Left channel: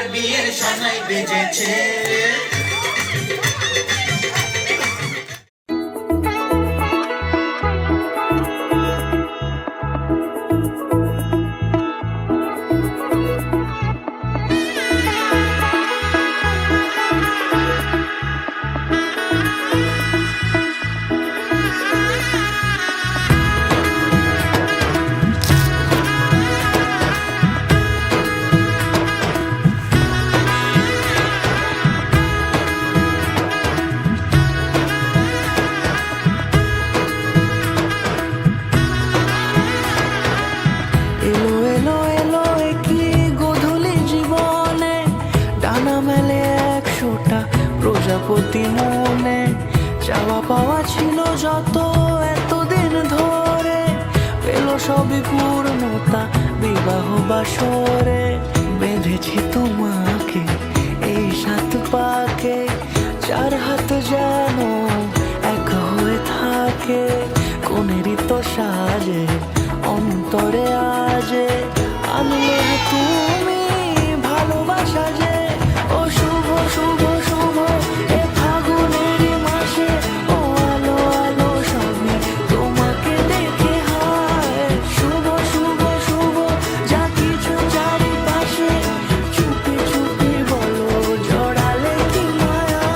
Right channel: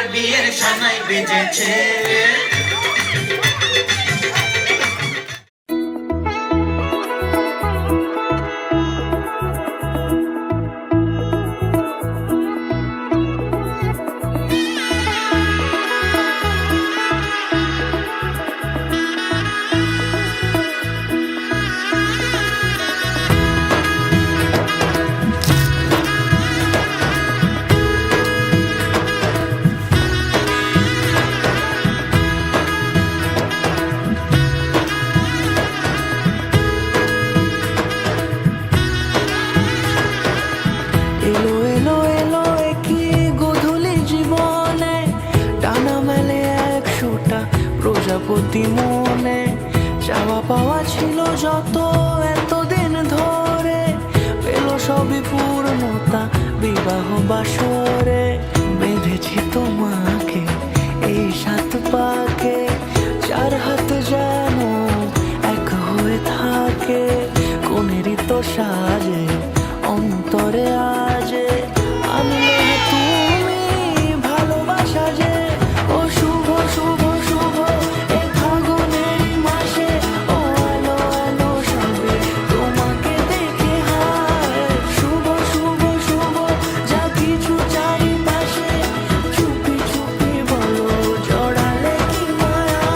তোমার বিয়ের সানাই বেজেছে। এলো এলো এলো কি গোধূলি জীবনে, ডানা মেলে 100টা প্রজাপতি মনে। চাওয়া পাওয়া ছিল যত এতদিন ধরে, পেল সবই পূর্ণতা বিবাহ বাসরে। বেঁধেছি তোমাকে এই 7 পাকে, 4 হাত যেন এক হয়ে থাকে। কোনেরই তো সাজে অন্তরে আজে, আনলে তুমি ভালোবাসা যে। ও শুভ শুভ শুভ এ ফাগুনেরই মাসে, ও আলো আলো সবই তোমাকে দেখে হায়। শুভ শুভ শুভ যা কিছু চারিপাশে, চুপি চুপি বলো জড়ালে কি মায়া।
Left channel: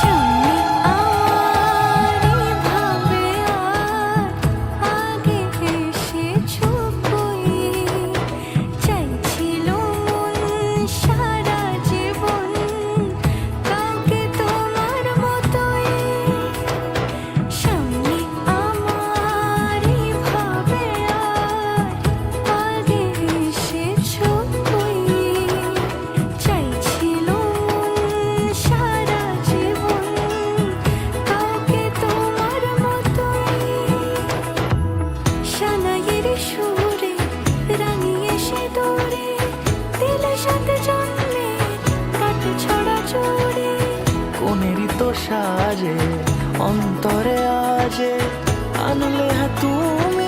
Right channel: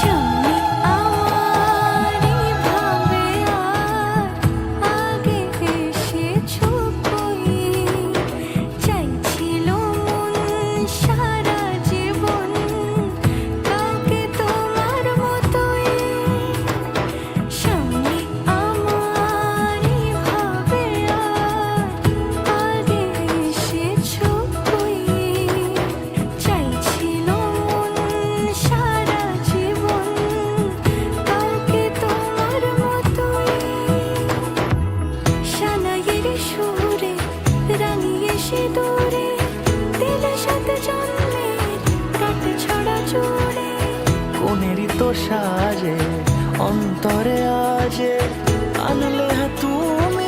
সামনে আমারই ভাবে আর আগে এসেছো কই, চাইছিল মন সারা জীবন কাউকে তোমার মতোই। সামনে আমারই ভাবে আর আগে এসেছো কই, চাইছিল মন সারা জীবন কাউকে তোমার মতোই। সানাইয়ের সুরে রাঙিয়ে সিঁদুরে দিলে 7 জন্মের কাট ছড়া জোড়ে। কোনেরই তো সাজে অন্তরে আজে, আনলে তুমি